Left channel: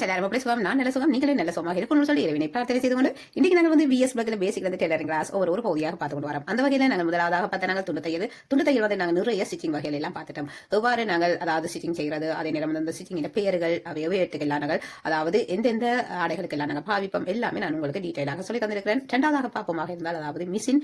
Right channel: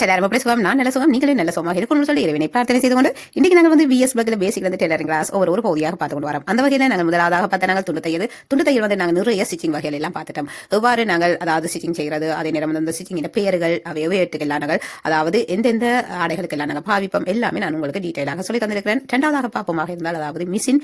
Friends எல்லாரும் எப்படி சுகம் நான் நல்ல சுகம் நீங்களே நல்ல சுகமாக இருக்கணும்னு சொல்லி இறைவனை பிரார்த்தனை செய்து கொண்டு இன்னைக்கு நாங்கள் வந்து பிஎஸ் பக்கில் பேசிக் வந்து டெய்லரிங் கிளாஸ் ஒரு பகுதியாக பார்த்து கொண்டு வரோம். அந்த வகையில் நாங்கள் முதலாவதாக பார்த்த நாங்கள் துண்டு தையல் வந்து நாங்கள் நிறைய ஸ்டிச்சிங் வகைகள் எல்லாம் பார்த்துட்டோம். எவ்வாறு நாங்கள் அதாவது ஸ்டிச்சிங் செய்கிறது, அதே நேரம் வந்து அந்த ஸ்டிச்சிங் பெயர்கள் அவை எவையெல்லாம் நாங்கள் அதாவது எந்தெந்த ஆடைகளுக்கெல்லாம் நாங்கள் பாவிப்போம் எல்லாமே நான் உங்களுக்கு டீட்டெயிலாக சொல்லி தந்திருக்கிறேன். இரண்டாவதாக பார்ப்போமாக இருந்தால் அதாவது மிஷின்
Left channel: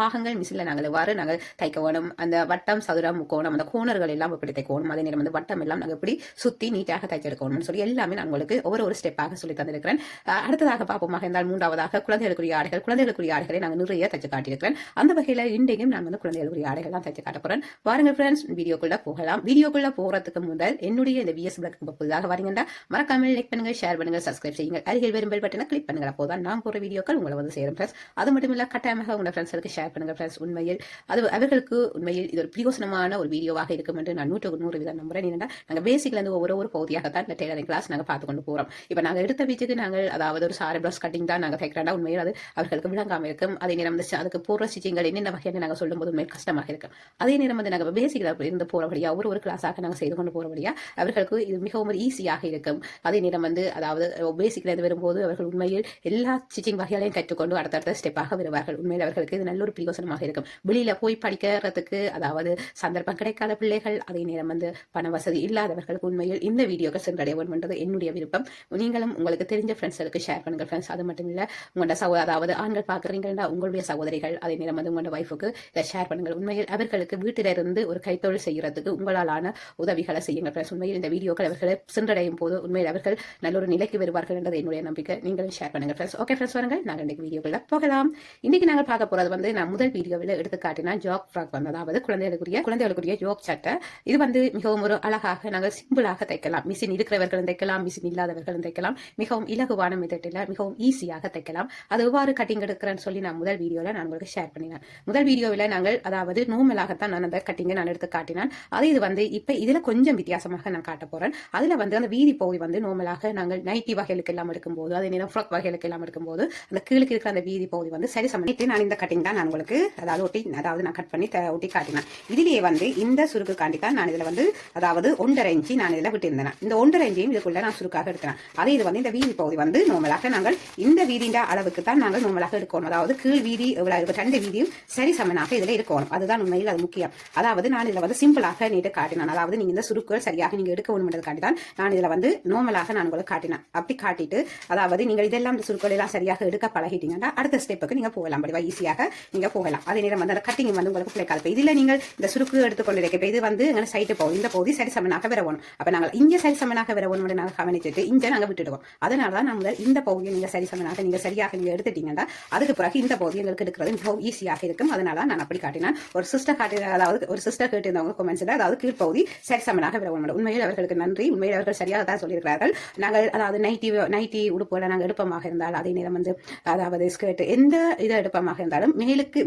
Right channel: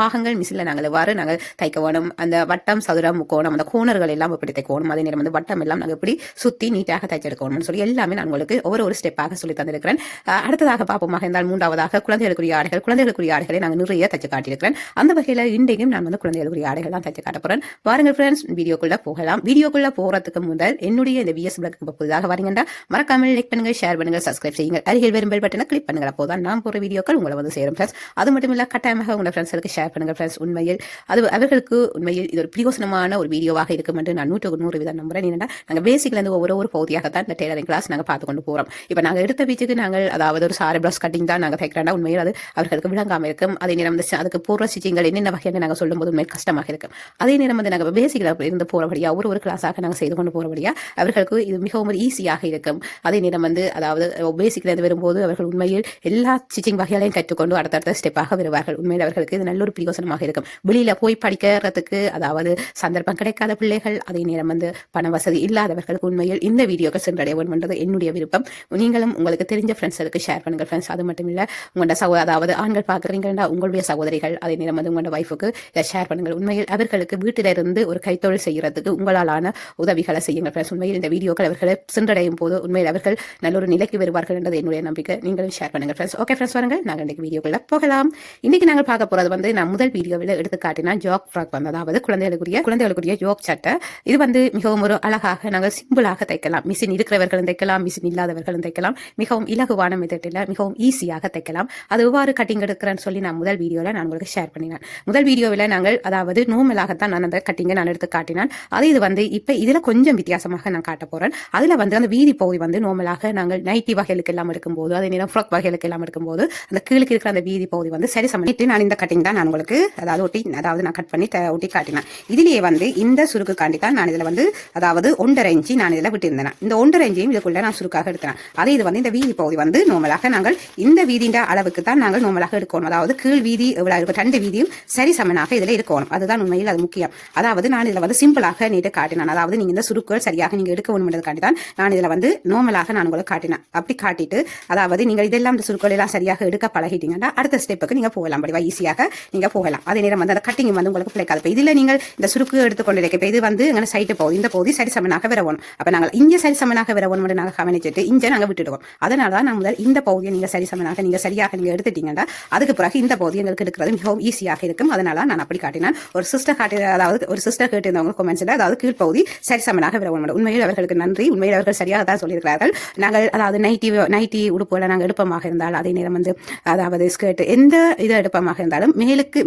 பாகங்கள் மிஷினில் நாங்கள் எவ்வாறு நாங்கள் தைக்க வேணும், அந்த வட்டம் சதுரம் முக்கோணம் அந்த கோணர்கள் எல்லாம் எப்படி தைக்கணும், அதே நேரம் வந்து வட்டம் எல்லாம் நாங்கள் எப்படி சுத்தி நீட்டாக தைச்செடுக்கணும்னு சொல்லி எல்லாமே நான் உங்களுக்கு ஒரு ஸ்டெப்பாக சொல்லி தந்திருக்கிறேன். அடுத்ததாக பார்ப்போமாக இருந்தால் மூன்றாவதாக குழந்தைகளுக்குரிய ஆடைகளை நாங்கள் நிறைய தைச்சு காட்டியிருக்கிறேன். அந்த வகையில் இன்றைக்கும் நான் வந்து குழந்தைகளுக்குரிய ஆடைகள் தான் தைச்சு காட்ட போறேன். பாருங்கள் ஃப்ரெண்ட்ஸ், வீடியோக்குள்ள போகலாம். வீடியோக்குள்ள போறதுக்கு முதல் என்னுடைய இந்த பிஎஸ் பிளாக்கு புதிதாக வரீங்கன்னா மறக்காமல் லைக் பண்ணுங்க, ஷேர் பண்ணுங்க, சப்ஸ்கிரைப் செய்யுங்க. அருகில் வரும் பெல் பட்டனை கிளிக் பண்ணுங்க. அப்போதான் நான் போற வீடியோக்கள் உங்களை வந்து சேரும் ஃப்ரெண்ட்ஸ். அது மட்டும் இல்ல கட்டாயமாக உங்க ஃப்ரெண்ட்ஸுக்கு ஷேர் பண்ணுங்க ஃப்ரெண்ட்ஸ். உண்மையில் அவர்களுக்கு உண்மையில் இது ஒரு பிரயோசனமான ஒரு வீடியோவாக இருக்கும் என்று நான் 100% நம்புறேன். என்னன்னா நாங்கள் பேசிக்ல இருந்து ஒவ்வொரு பகுதியாகத்தான் இந்த டெய்லரிங் கிளாஸ் நாங்கள் பார்த்து கொண்டு போறோம். இப்போ நாங்கள் எடுத்த வீச்சுக்கு நாங்கள் அதாவது ஒரு சாரி பிளஸ் கட்டிங் தான் நாங்கள் தைக்கிறோம்னா உண்மையில் அது அவர்களுக்கு விளங்காமல் இருக்கும். அதே நேரம் வந்து அதுக்கு போடுற ஸ்டிச்சிங்கள் என்னென்ன வகையான நாங்கள் சொல்லும் போது உண்மையில் கஷ்டமாக இருக்கும். அதே நேரம் வந்து நாங்கள் பேசிக்ல இருந்து போறபடியா ஒரு கிளாஸாக நாங்கள் செய்து கொண்டு போறபடியா அவர்களுக்கு இது மிகவும் ஈஸியாக இருக்கும். அதே நேரம் வந்து அதாவது பேசிக்ல இருந்து வரும்போது அவர்கள் உண்மையில் எல்லா ஸ்டிச்சிங் வகைகளையும் கற்றுக்கொண்டு அடுத்தடுத்த ஸ்டெப்பாக வருவார்கள். உண்மையில் அவர்களுக்கு இது நல்ல ஒரு பிரயோசனமாக இருக்கும். வெளியில போய் படிக்கிறதுக்கு அதாவது சந்தர்ப்பம் கிடைக்காத பிள்ளைகள், அதே நேரம் வந்து பண வசதி இல்லாதவர்களுக்கு உண்மையில் இந்த வீடியோக்கள் சென்றடைய வேண்டும் என்றது என்னுடைய விருப்பம். நீங்களும் உங்களுக்கு தெரிஞ்ச ஃப்ரெண்ட்ஸுக்கு ஷேர் பண்ணுங்க ஃப்ரெண்ட்ஸ். அது மட்டும் இல்ல உங்களோட அதாவது ஆண்கள் பார்க்குறீங்கன்னா உங்களுடைய சகோதரிகள், அதே நேரம் வந்து உங்களோட வைஃபுக்கு இதை ஷேர் பண்ணுங்கள். உண்மையில் அவர்களுக்கு வீட்டில இருந்து ஒரு கைத்தொழில் செய்யறதுக்கு உங்களாலான உதவிகளை செய்யுங்கள் ஃப்ரெண்ட்ஸ். உண்மையில் இந்த வீடியோக்கள் அவர்களை சென்றடையும் போது உண்மையில் அவர்கள் நல்ல ஒரு நிலைக்கு வருவார்கள் என்றது என்னுடைய நம்பிக்கை. நீங்களும் ஷேர் பண்ணுங்க ஃப்ரெண்ட்ஸ். ஓகே ஃப்ரெண்ட்ஸ், வாருங்கள் நாங்கள் இன்றைக்கு வீடியோக்குள்ள போகலாம். இன்னைக்கு நாங்கள் பார்க்க போறது வந்து நான் முதல் வீடியோவில் எடுத்து காட்டினா ஜாக் ஃப்ராக் வந்து அதாவது குழந்தைகளுக்குரிய ஜோக் சட்டை. இது வந்து மிகவும் ஒரு அழகாக நாங்கள் சிம்பிளாக தைக்கலாம். மிஷின் இருக்கிறவர்களும் தைக்கலாம், மிஷின் இல்லாதவர்களும் தைக்கலாம். மிகவும் இலகுவான மெத்தடில் மிகவும் ஈஸியாக தைக்கலாம். அது எவ்வாறு கட்டிங் எடுக்கிறேன்னு சொல்லி நான் முதல் வீடியோவில் நான் உங்களுக்கு ஷேர் பண்ணினேன். முதல் வீடியோவில் நாங்கள் அதாவது நோமலாகத்தான் நான் அந்த கட்டிங்கை நான் எடுத்து காட்டினேன். அதே இது வந்து இப்போ இதில் கொஞ்சம் வித்தியாசமாக நான் காட்ட போறேன். அதில் வந்து அந்த வீதி பகுதி வந்து நோமலாக நாங்கள் நைட்டி வகைகளுக்கு எல்லாம் எடுக்கும்போது, அதே நேரம் ஃப்ராக் வகைகளுக்கு எல்லாம் எடுக்கும்போது அந்த கீழுக்கு இருக்கிற அந்த வீதி பகுதி வந்து சரி சமணிட்டு நான் இந்த கட்டிங் தான் நான் உங்களுக்கு அதாவது நான் கட் பண்ணி ஒட்டி காட்டினேன். இதுலேயே வந்து இந்த சுருக்கு காண்டி தான் நான் இதில் வந்து அதாவது 1.5 இன்ச்சு நான் இதில் விட்டுருந்தேன். இந்த 1.5 இன்ச்சையும் இதுக்குள்ள நான் சுருக்காக எடுத்தேன். அதே இது வந்து இந்த வீதி பகுதி வந்து நோமலாக நாங்கள் இந்த வீதியின் அளவுக்கு தான் நாங்கள் நோமலாக எடுக்கணும். அதாவது கீழ் வீதி எவ்வளவு இருக்கும், 2 வீதியும் சரி சமனாக இதில் இருக்கணும். அதுதான் உண்மையில் அது முக்கியம். அதாவது நான் இதில் வந்து சிம்பிளாக நீட்டு காட்டினேன். அதாவது நீங்க இந்த சுருக்குகள் சரியாக நீங்க எடுக்க வேண்டும்ன்றதுக்காண்டி தான் நான் இதில் வந்து நோமலாக நான் உங்களுக்கு காட்டினேன். அப்படி காட்டிட்டு அதாவது நீங்கள் இதெல்லாம் இந்த சுருக்குகள் எல்லாம் சரியாக எடுக்க பழகிட்டீங்கன்னா அடுத்த ஸ்டெப்புக்கு நீங்க போகலாம். படிவா ஈஸியாக நீங்க போகலாம். அதே நேரம் வந்து அந்த கட்டிங் வந்து உங்களுக்கு பிள்ளைக்காது. இதுல நீங்கள் இந்த சுருக்கு எடுத்துக்கொண்டு இருக்க இது வந்து எங்க சைட்டு போகுது, இந்த பகுதி சரி சமனாக வரணும். அப்ப நாங்கள் இங்க சரி சமனாக வரணும் நாங்கள் கவனிச்சுட்டு இங்க நாங்க விட்டுடுவோம். அதனால தான் நம்ம இந்த பகுதியை நீங்க சரி சமனாக நீங்க சரியாக நீங்க எடுத்துட்டீங்கன்னா அதுக்கு பிறகு இந்த பகுதி எங்களுக்கு எடுக்கிறது மிகவும் ஈஸியாக இருக்கும். அதனால நான் அப்படி காட்டினேன். ஒரு சிஸ்டர் காட்டி அதாவது ஒரு சிஸ்டர் கேட்டிருந்தவங்க கமெண்ட்ஸ்ல அதாவது கீழ்ப்பகுதி சரி சமனாக வரணும். உண்மையில் அவர்களுக்கு நன்றி. உண்மையில் அவர்கள் சரியாக தான் சொல்லியிருக்கிறார்கள். நாங்கள் அதாவது நைட்டி உடுப்புகளை நாங்கள் எடுப்பமாக இருந்தால், அதே நேரம் வந்து அதாவது ஸ்கர்ட் எந்த இதை எடுப்பமாக இருந்தாலும்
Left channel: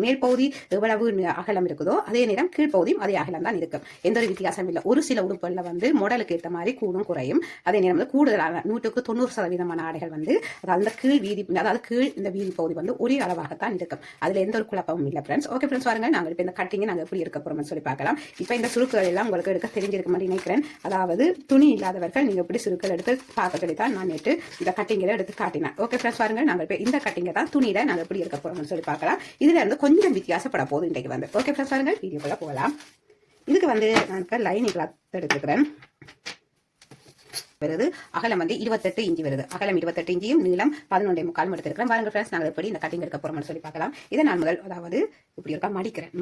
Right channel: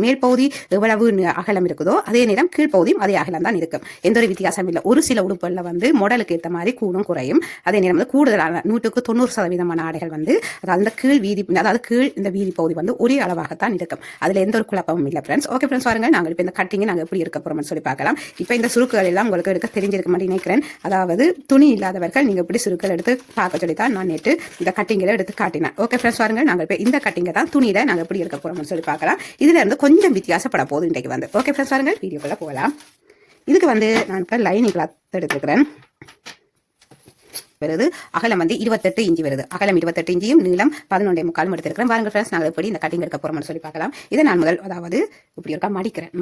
மேல் பகுதி எவ்வளவு அகலம் இருக்குதோ அதே நேரம் கீழ்ப்பகுதியும் அதே அகலம் தான் இருக்கும். எந்த ஒரு வித்தியாசம் இல்லை. ஒரு சில உடுப்புகளில் வந்து மாடலுக்கு ஏற்ற மாதிரி கூடும் குறையும். அதே நேரம் வந்து கூடுதலான 100% ஆடைகள் வந்து அதாவது கீழ் இந்த வீதி பகுதி வந்து ஒரே அளவாகத்தான் இருக்கும். அதுல எந்த ஒரு குழப்பமும் இல்லை ஃப்ரெண்ட்ஸ். ஓகே ஃப்ரெண்ட்ஸ், பாருங்க நாங்கள் இப்போ இந்த கட்டிங்கை நாங்கள் எப்படி இருக்க போறோம்னு சொல்லி பார்க்கலாம். இப்போ இந்த சுருக்குகள் எல்லாம் உங்களுக்கு எடுக்க தெரிஞ்சிருக்க மாதிரி நினைக்கிறேன். அதாவது துணி இல்லாதவர்கள் நீங்க எப்படி சுருக்கள் எடுத்து பார்க்க சொல்லி தான் நான் நேற்று இந்த கட்டிங்களை எடுத்து காட்டினேன். ஓகே ஃப்ரெண்ட்ஸ், பாருங்க நாங்கள் இப்போ இந்த கட்டிங்கை தான் துணியில நாங்கள் எப்படி இருக்க போறோம்னு சொல்லி பார்க்கலாம். இதுல இருந்து கொஞ்சம் வித்தியாசப்பட போகுது இன்றைக்கு வந்து. ஓகே ஃப்ரெண்ட்ஸ், பாருங்க வீடியோக்குள்ள போகலாம். இதுக்கு வந்து நான் இப்போ லைனிங் கிளாத் எடுத்துக்கிறேன். வருது அகலம் வந்து 28 இன்ச்சு வருது. அகலம் 28 இன்ச்சியும் நீளம் 11.25 எடுத்திருக்கிறேன். பாருங்க ஃப்ரெண்ட்ஸ், நாங்கள் எப்படி இந்த கட்டிங் எடுக்க போறோம்னு சொல்லி பார்க்கலாம். இதை நான் முதல் அதாவது இப்படி இருக்கா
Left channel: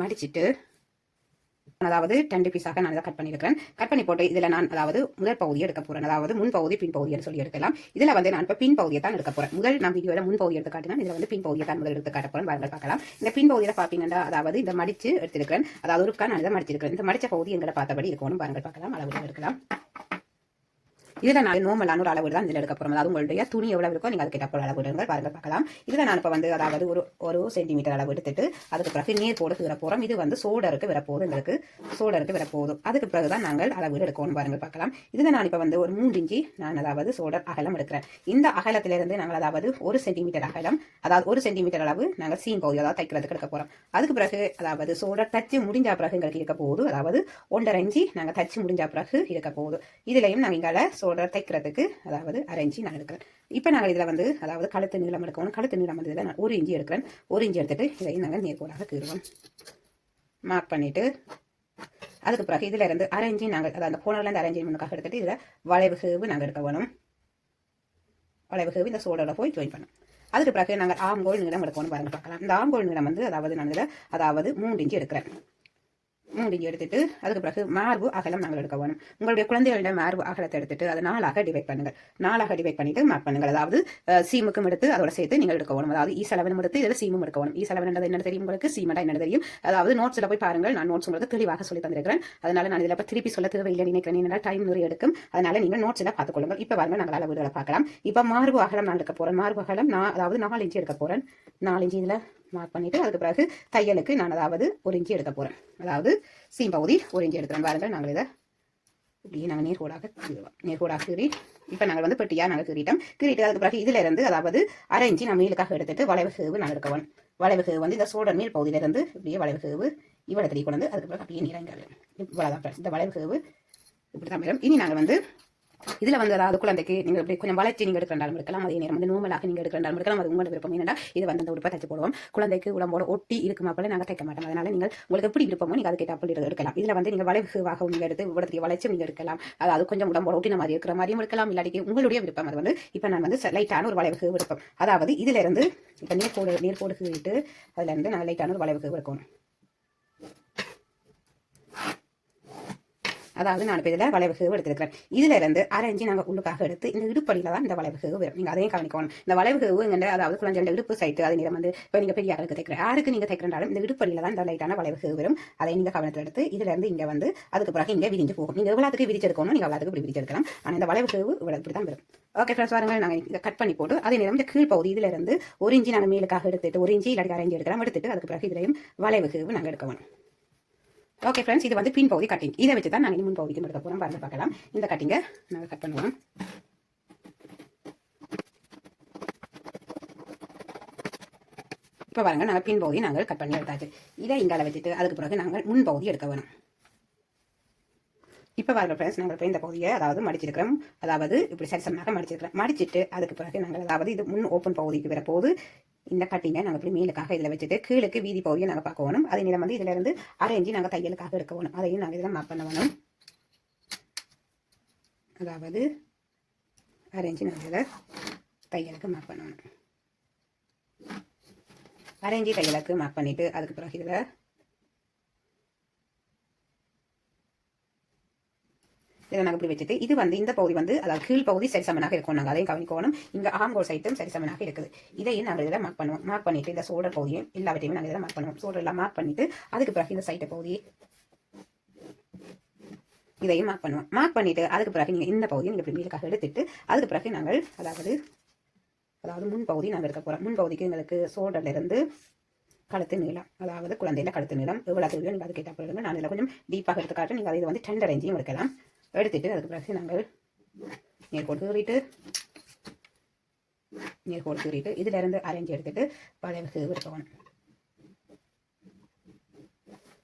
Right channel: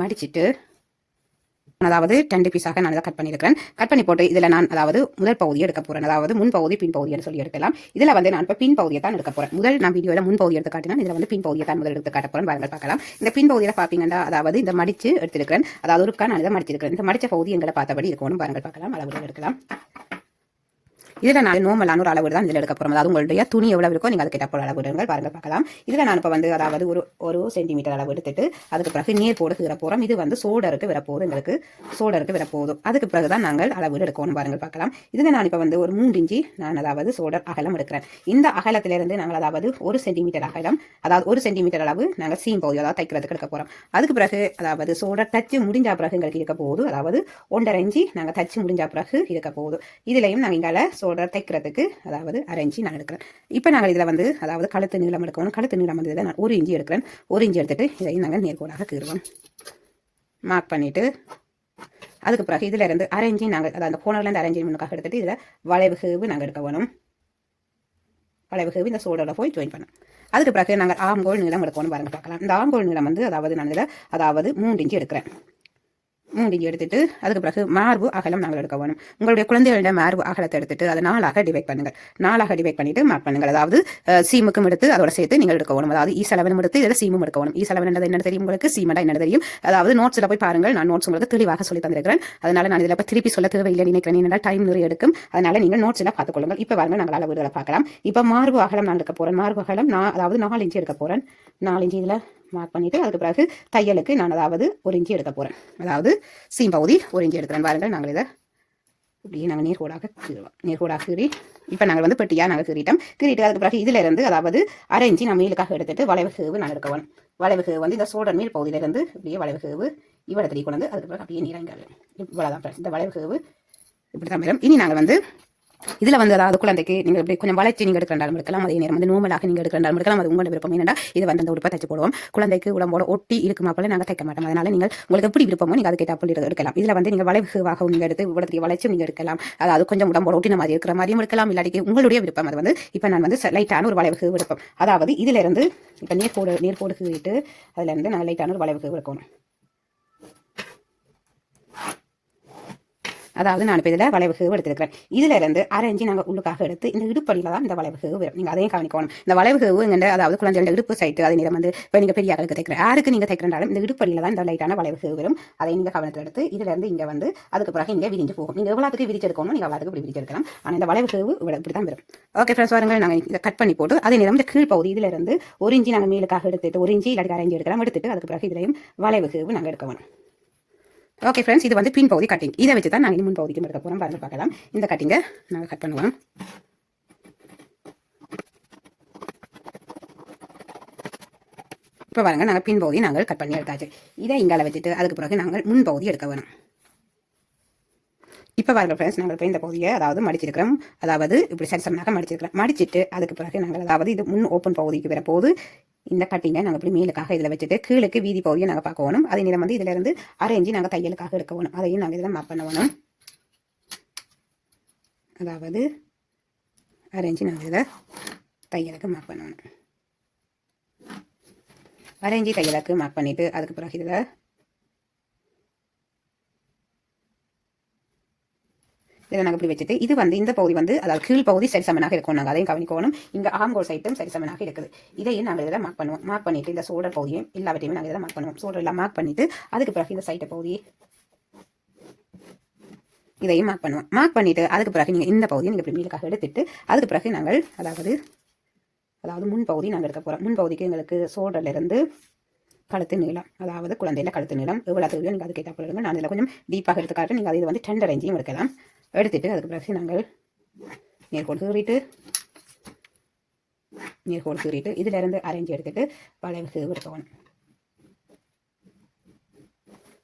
மடிச்சிட்டு அதாவது 2 பீஸாக நான் இதை கட் பண்ணியிருக்கிறேன். கட் பண்ணி போட்டு இதில் நான் அதாவது முதல் பகுதியை எடுக்க போறேன். அதாவது முன் பகுதி பின் பகுதின்னு சொல்லி எடுக்கலாம். இதில் வந்து நான் இப்போ பின் பகுதியை தான் எடுக்க போறேன். முதல் நான் வீடியோவில் முன் பகுதி எடுத்து காட்டினா இதில் வந்து பின் பகுதியை தான் முதல் எடுத்து காட்ட போறேன். வாங்க பார்க்கலாம். இந்த பின் பகுதியில் பார்ப்பீங்கன்னா அதாவது இந்த மடிச்சு எடுத்திருக்கிறேன். அதாவது ஒருக்கா நான் இதை மடிச்சிருக்கிறேன். இந்த மடிச்ச பகுதி எங்களை பார்த்தபடி இருக்கணும். பாருங்கள் பார்க்கலாம். அளவுகள் எடுக்கலாம். இதில் நான் நோமலான ஒரு அளவு தான் இதில் எடுக்க போகிறோம். அதாவது உங்களுடைய துணி எவ்வளவு இருக்கோ நீங்கள் அதுக்கு ஏற்ற அளவு எடுங்கள். பாருங்கள் பார்க்கலாம். இதில் நான் இப்போ வந்து அதாவது ஒரு சென்டிமீட்டர் அளவு எடுத்துட்டு அதுக்கு பிறகு நேர் போட கீற போகிறோம். இது வந்து சோடருக்கு வரப்போகுது. எங்களுக்கு சோடருக்கு வரப்போகுது. அதுக்கு பிறகு தான் நாங்கள் அளவு எடுக்கணும். பாருங்கள் பார்க்கலாம். இதில் நான் இப்போ வந்து ஒரு 3 இன்ச்சு நான் அதாவது சோடர் அகலம் எடுக்கிறேன். இந்த அகலத்திலிருந்து நாங்கள் அதாவது 1 சென்டிமீட்டர் அகலம் அதாவது 1 சென்டிமீட்டர் அளவு நாங்கள் சீம் பகுதி அதாவது தைக்கிறதுக்கு எடுக்க போகிறோம். அதுக்கு பிறகு அதாவது சோடர் தச்சு முடிஞ்சா பிறகு எங்களுக்கு இருக்க போகுது. அதாவது 1.5 இன்ச்சு நாங்கள் தச்சு முடிஞ்சா பிறகு இருக்க போகுது. இதுலையும் நாங்கள் இங்கே சோல்டர் தைக்கிறதுக்கு அதாவது 1/2 இன்ச்சு நான் எடுக்கிறேன். இப்போ நாங்கள் இதில் வந்து அதாவது கழுத்து நீளம் எடுக்கணும். கழுத்து நீளம் வந்து இதில் நான் 1 இன்ச்சு எடுக்கிறேன். 1 இன்ச்சு எடுத்துட்டு இதையும் நாங்கள் நேர்கோடாக கீறுவோம். மார்க் பண்ணிவிட்டு அதுக்கு பிறகு இதில் இருந்து 1/2 இன்ச்சு நாங்கள் அதாவது அந்த கோணர்லேருந்து 1/2 இன்ச்சு முன்னுக்காக எடுத்துட்டு இதில் வளைவு கேவு நாங்கள் எடுக்க வேணும். வளைவு கேவு இந்த சோல்டரில் போய் ஜாயின் பண்ணணும். அதுக்கு பிறகு நாங்கள் ஆம்கோல் நீளம் எடுக்கணும். பாருங்க பார்க்கலாம். இந்த ஆம்கோல் நீளம் வந்து அதாவது நான் இதில் அதாவது 3 இன்ச்சு எடுக்கிறேன். 3 இன்ச்சு எடுத்துட்டு அதுக்கு பிறகு மார்பு அகலம் நாங்கள் எடுக்க வேணும். உங்களுடைய குழந்தைகளோட மார்பு அகலத்தை எடுத்துட்டு அதை 4ஆக டிவைட் பண்ணுங்கள். 4ஆக டிவைட் பண்ணிட்டு மார்க் பண்ணுங்கள். அதாவது சீமுக்கும் எடுத்து அதோட சேர்த்து நீங்கள் எடுக்க வேணும். அதாவது ஈசலவனும் எடுத்து இதில் சீமும் எடுக்க வேணும். ஈசலவன் என்ன தெரியும் உங்களுக்கு, சீமண்டா என்ன தெரியும். அதாவது நோட்ஸில் போய் பாருங்கள். நான் நோட்ஸ் உங்களுக்கு தெளிவாக சொல்லி தந்திருக்கிறேன். அதனால நான் இதில் இப்போ திருப்பி சொல்ல தேவையில்லை நினைக்கிறேன். ஏன்னா டைம் நிறைய எடுக்கும். அதனால நீங்கள் நோட்ஸில் பார்த்துக்கொள்ளுங்கள். இப்போ பாருங்கள் நாங்கள் அளவுகளை பார்க்கலாம். இப்போ மார்பு அகலம் நான் எடுக்க போகிறேன். மார்பு அகலம் நான் அதாவது 4 இன்ச்சு எடுக்க போகிறேன். 4 இன்ச்சு இதில் மார்க் பண்ணிவிட்டு அதுக்கு பிறகு தையலுக்கு நான் அதாவது 1 இன்ச்சு எடுக்க போகிறேன். அதாவது சீம் பகுதி 1 இன்ச்சு எடுக்கிறேன். பாருங்கள் நாங்கள் இதை இப்படியே நாங்கள் நேர்கோடாக கீறுவோம். நேர்கோடாக கீறி இப்போ நாங்கள் வந்து பெட்டியாக நாங்கள் கீறிட்டோம். கீறிட்டு அதுக்கு பிறகு இதில் இருந்து அதாவது 1/2 இன்ச்சு நான் மேலுக்காக எடுத்துட்டு வளைவு கேவு நான் எடுக்க வேணும். வளைவு கேவு வந்து இந்த சோல்டர் மேல் பகுதியிலிருந்து இப்படியே வளைவு கேவு இவ்வளோ கொண்டு வந்து அதுக்கு பிறகு அப்படியே நீராங்க. இவ்வளோதான் இந்த வளைவு கேவு இப்படி தான் வரும். இனி நாங்கள் வந்து இதில் வந்து அதாவது குழந்தைக்கு நீங்கள் இப்படி கொஞ்சம் வளைச்சி நீங்கள் எடுக்கிறாலும் எடுக்கலாம். அதே நேரம் வந்து நோமலாக நீங்கள் எடுக்கிறாலும் எடுக்கலாம். அது உங்களோட விருப்பம். என்னடா இது வந்து அந்த உடுப்பை தைச்சு போடுவோம். குழந்தைக்கு உடம்போட ஒட்டி இருக்குமா போல நாங்கள் தைக்க மாட்டோம். அதனால நீங்கள் உங்களுக்கு எப்படி விருப்பமோ நீங்கள் அதுக்கு அப்படி எடுக்கலாம். இதில் வந்து நீங்கள் வளைவாக நீங்கள் எடுத்து இவ்வளோத்துக்கு வளைச்சு நீங்கள் எடுக்கலாம். அதாவது கொஞ்சம் உடம்போட ஒட்டின மாதிரி இருக்கிற மாதிரியும் எடுக்கலாம். இல்லாட்டி உங்களுடைய விருப்பம். அது வந்து இப்போ நான் வந்து லைட்டான ஒரு வளைவு விருப்பம். அதாவது இதில் இருந்து இப்போ நேர்கோடு கீறிட்டு அதில் இருந்து நான் லைட்டான ஒரு வளைவு எடுக்கணும். அதாவது நான் இப்போ இதில் வளைவு எடுத்துருக்கிறேன். இதில் இருந்து 1/2 இன்ச்சு நாங்கள் உள்ளுக்காக எடுத்து இந்த இடுப்படியில் தான் இந்த வளைவு வரும். நீங்கள் அதையும் கவனிக்கணும். இந்த வளைவு எங்க அதாவது குழந்தையோட இடுப்பு சைட்டு அதே நேரம் வந்து இப்போ நீங்கள் பெரிய ஆளுக்கு தைக்கிறேன் யாருக்கு நீங்கள் தைக்கிறனாலும் இந்த இடுப்படியில் தான் இந்த லைட்டான வளைவு வரும். அதை நீங்கள் கவனத்தில் எடுத்து இதில் இருந்து இங்கே வந்து அதுக்கு பிறகு இங்கே விரிஞ்சு போகும். நீங்கள் எவ்வளோத்துக்கு விரிச்செடுக்கணும் நீங்கள் அவ்வளோத்துக்கு இப்படி விரிச்செடுக்கலாம். ஆனால் இந்த வளைவு இப்படி தான் வரும். ஓகே ஃப்ரெண்ட்ஸ், வாருங்கள் நாங்கள் இதை கட் பண்ணி போட்டு அதே நேரம் இந்த கீழ் பகுதி இதில் இருந்து 1 இன்ச்சு நாங்கள் மேலுக்காக எடுத்துட்டு 1 இன்ச்சு இல்லாட்டி 1/2 இன்ச்சு எடுக்கலாம். எடுத்துட்டு அதுக்கு பிறகு இதிலையும் வளைவு நாங்கள் எடுக்கணும். ஓகே ஃப்ரெண்ட்ஸ், இது வந்து பின் பகுதி கட்டிங். இதை வச்சு தான் நாங்கள் முன் பகுதிக்கும் எடுக்க போகிறோம். பாருங்க பார்க்கலாம். இந்த கட்டிங்கை நாங்கள் கட் பண்ணுவோம். இப்போ பாருங்க நாங்கள் பின் பகுதி நாங்கள் கட் பண்ணி எடுத்தாச்சு. இதை இங்கால வச்சுட்டு அதுக்கு பிறகு நாங்கள் முன் பகுதி எடுக்க வேணும். இப்போ பாருங்க ஃப்ரெண்ட்ஸ், நாங்கள் இப்போ இந்த பகுதியை அதாவது மடிச்சிருக்கிறோம். அதாவது இப்படி சரிசமனாக மடிச்சிருக்கிறோம். மடிச்சிட்டு அதுக்கு பிறகு நாங்கள் அதாவது இது முன் ஓப்பன் பகுதிக்கு வரப்போது இந்த கட்டிங்கை நாங்கள் இப்படி மேலுக்காக இதில் வச்சுட்டு கீழுக்கு வீதி பகுதியை நாங்கள் பார்க்கணும். அதே நேரம் வந்து இதில் இருந்து 1/2 இன்ச்சு நாங்கள் தையலுக்காக எடுக்கணும். அதையும் நாங்கள் இதில் மார்க் பண்ணணும். அதாவது 1/2 இன்ச்சு நாங்கள் இதில் தையலுக்கு மார்க் பண்ணணும். 1/2 இன்ச்சு தையலுக்கு மார்க் பண்ணிவிட்டு அதுக்கு பிறகு இதில் நாங்கள் இப்படி வச்சுட்டு இது வந்து இந்த பகுதி வந்து அதாவது கீழ் பகுதி சரிசமனாக இருக்கும். நாங்கள் அதையும் கவனிக்கணும். இங்கே ஆம்கோல் சைட்டும் சரிசமனாக இருக்குது. இதையும் நாங்கள் இதில் மார்க் பண்ணுவோம். மார்க் பண்ணிவிட்டு இந்த சோல்டர் பகுதியும் எல்லாவற்றையுமே நாங்கள் இதில் மார்க் பண்ணுவோம். சோல்டர் எல்லாம் மார்க் பண்ணிவிட்டு அதுக்கு பிறகு இந்த சைட்டை பகுதி இதையும் மார்க் பண்ணுவோம். மார்க் பண்ணிவிட்டு அதுக்கு பிறகு நீங்கள் இந்த பகுதியை நீங்கள் இப்படி மேலுக்காக எடுத்துட்டு அதுக்கு பிறகு நாங்கள் அதாவது முன் பகுதி நாங்கள் எடுக்க போகிறோம். முன் பகுதிக்கு எங்களுக்கு சோல்டர்லேருந்து கழுத்து நீளம் அதாவது குழந்தையில கழுத்து நீளம் எவ்வளோ தேவையோ நீங்கள் அதுக்கு ஏற்ற போடுங்க. நான் இதில் கொஞ்சம் டீப்பாக எடுத்துக்காட்டு. நீங்கள் அதை வந்து 2.5 இன்ச்சையும் எடுக்கலாம். எடுத்துட்டு அதுக்கு பிறகு நாங்கள் நேர்கோடு கீறிட்டு இதில் இருந்து 1/2 இன்ச்சு எடுத்துட்டு வளைவு எடுக்கணும்.